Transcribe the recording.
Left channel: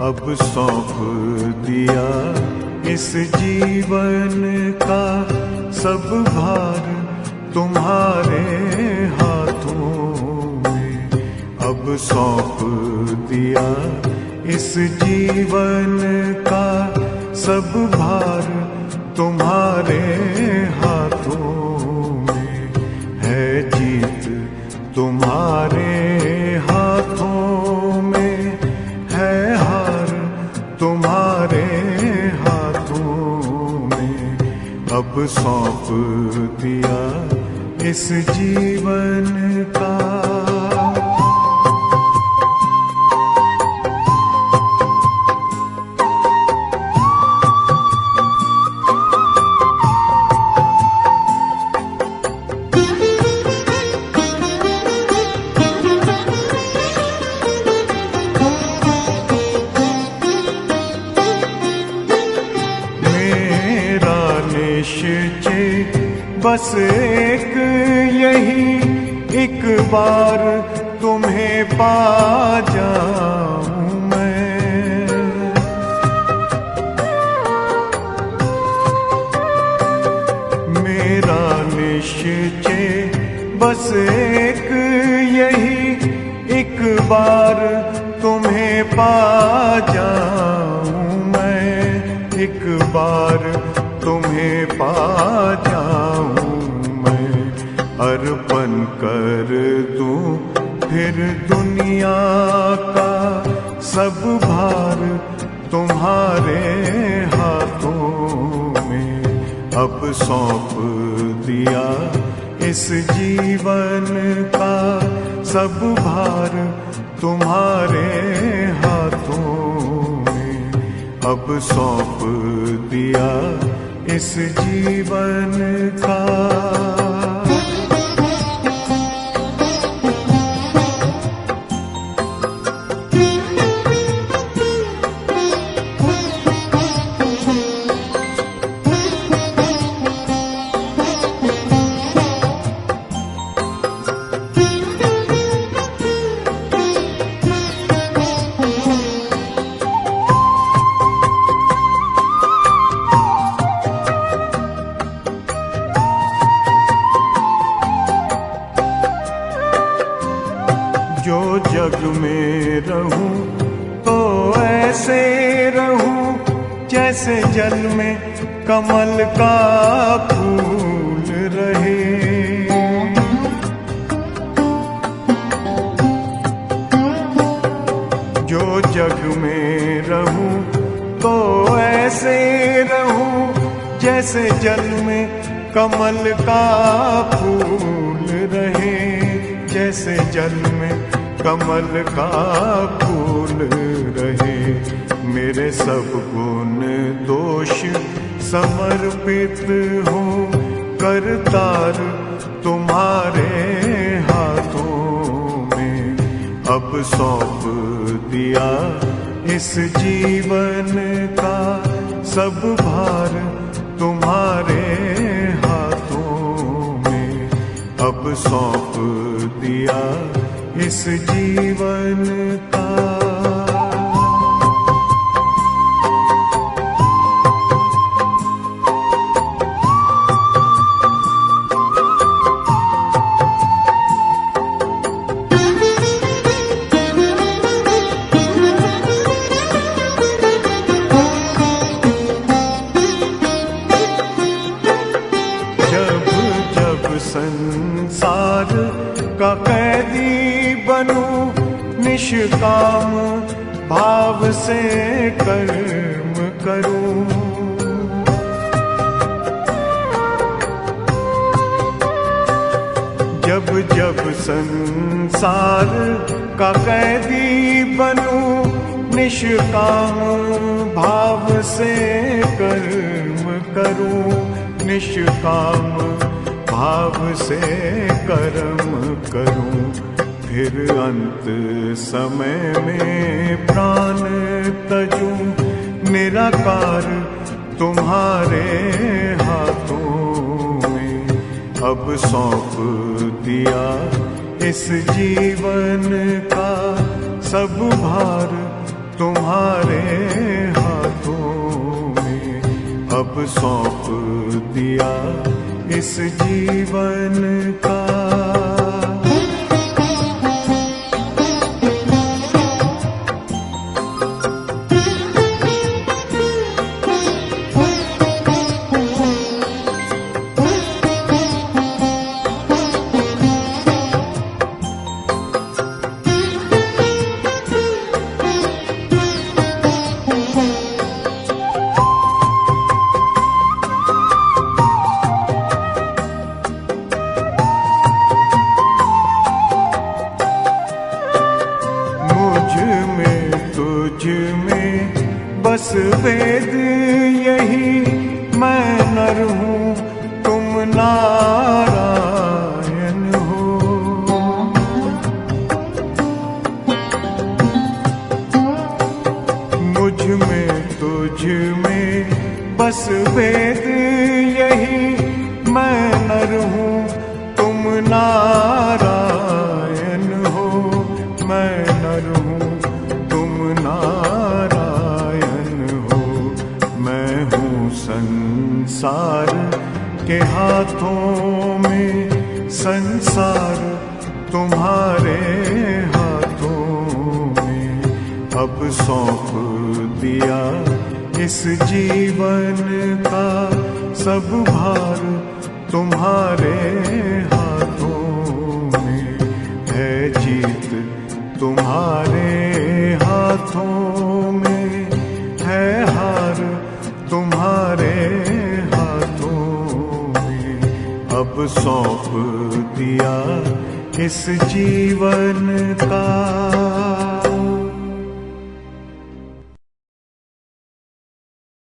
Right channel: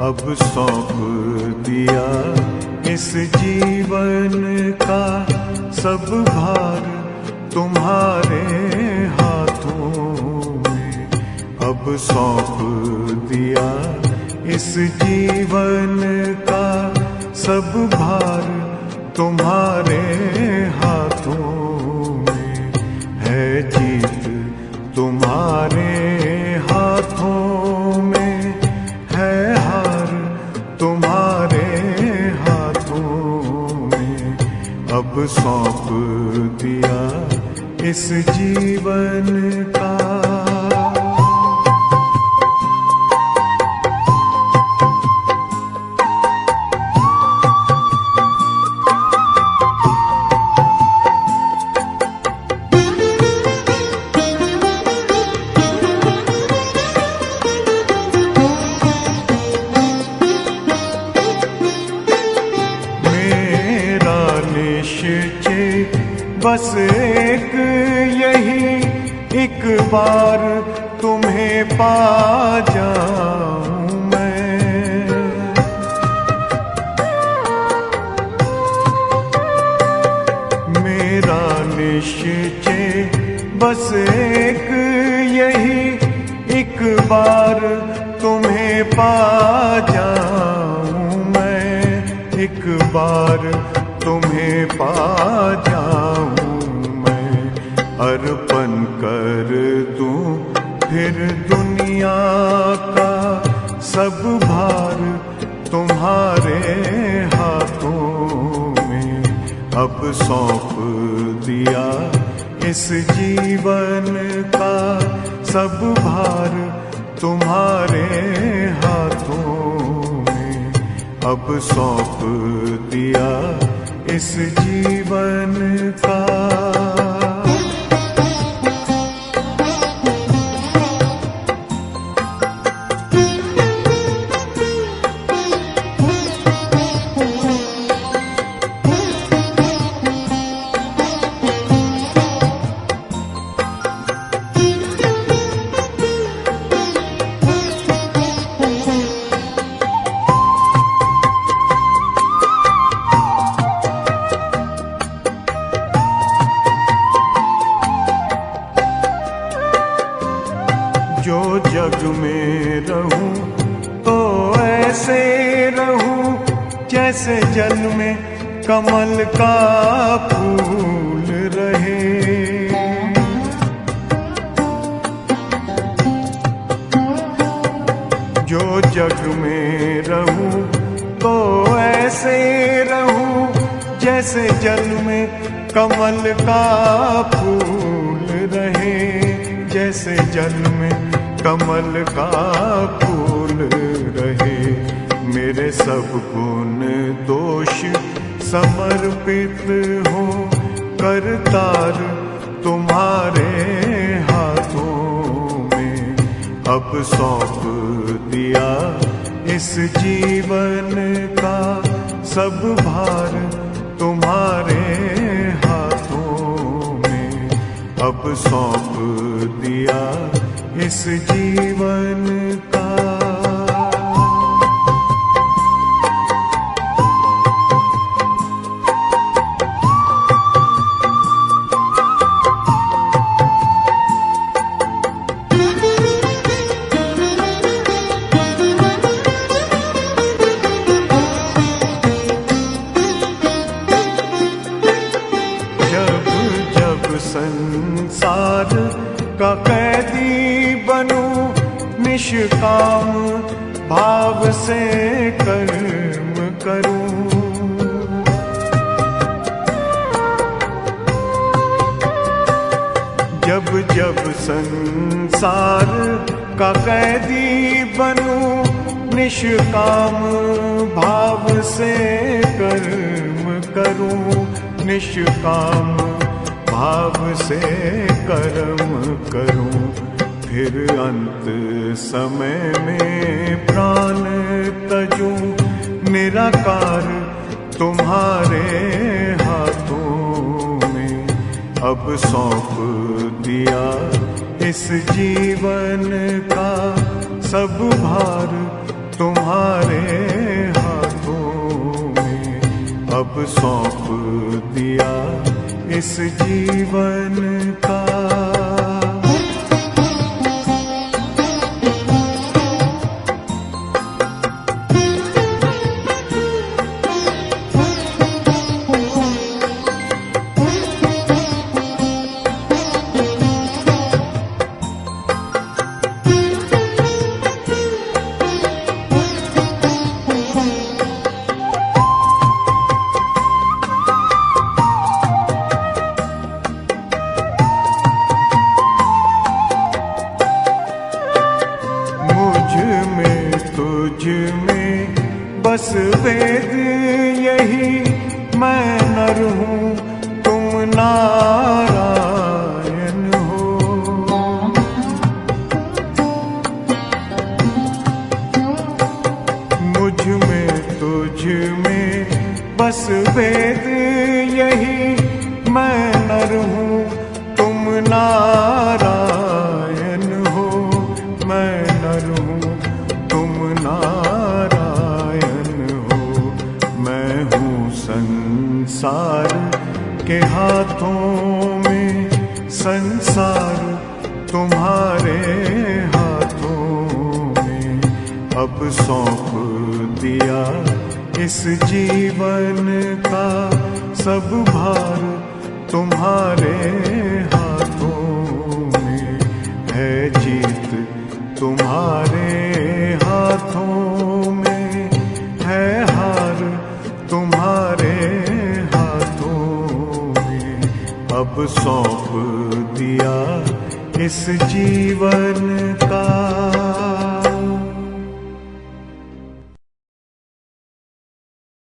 अब सौंप दिया इस जीवन का सब भार तुम्हारे हाथों में। अब सौंप दिया इस जीवन का सब भार तुम्हारे हाथों में। है जीत तुम्हारे हाथों में, है हार तुम्हारे हाथों में। अब सौंप दिया इस जीवन का। निश्चय बस एक यही, एक बार तुम्हें पा जाऊं मैं। मेरा निश्चय बस एक यही, एक बार तुम्हें पा जाऊं मैं। एक बार तुम्हें पा जाऊं मैं। अर्पण कर दूं फिर दुनिया का सब भार तुम्हारे हाथों में। अब सौंप दिया इस जीवन का सब भार तुम्हारे हाथों में। अब सौंप दिया इस जीवन का। जो जग में रहूं तो ऐसे रहूं जैसे जल में कमल का फूल रहे। जो जग में रहूं तो ऐसे रहूं जैसे जल में कमल का फूल रहे। जैसे जल में कमल का फूल रहे। मेरे सब गुण दोष समर्पित हो करतार तुम्हारे हाथों में। अब सौंप दिया इस जीवन का सब भार तुम्हारे हाथों में। अब सौंप दिया इस जीवन का। जब जब संसार का कैदी बनूं, निष्काम भाव से कर्म करूं। जब जब संसार का कैदी बनूं, निष्काम भाव से कर्म करूं। निष्काम भाव से कर्म करूं। फिर अंत समय में प्राण तजूं, निराकार तुम्हारे हाथों में। अब सौंप दिया इस जीवन का सब भार तुम्हारे हाथों में अब सौंप दिया इस जीवन का। तुझ में बस वेद यही, मैं नर हूँ तुम नारायण हो। मुझ में तुझ में बस वेद यही, मैं नर हूँ तुम नारायण हो। मैं नर हूँ तुम नारायण हो। मैं हूँ संसार के हाथों में, संसार तुम्हारे हाथों में अब सौंप दिया इस जीवन का। सब भार तुम्हारे हाथों में है, जीत तुम्हारे हाथों में है, हार तुम्हारे हाथों में अब सौंप दिया इस जीवन का।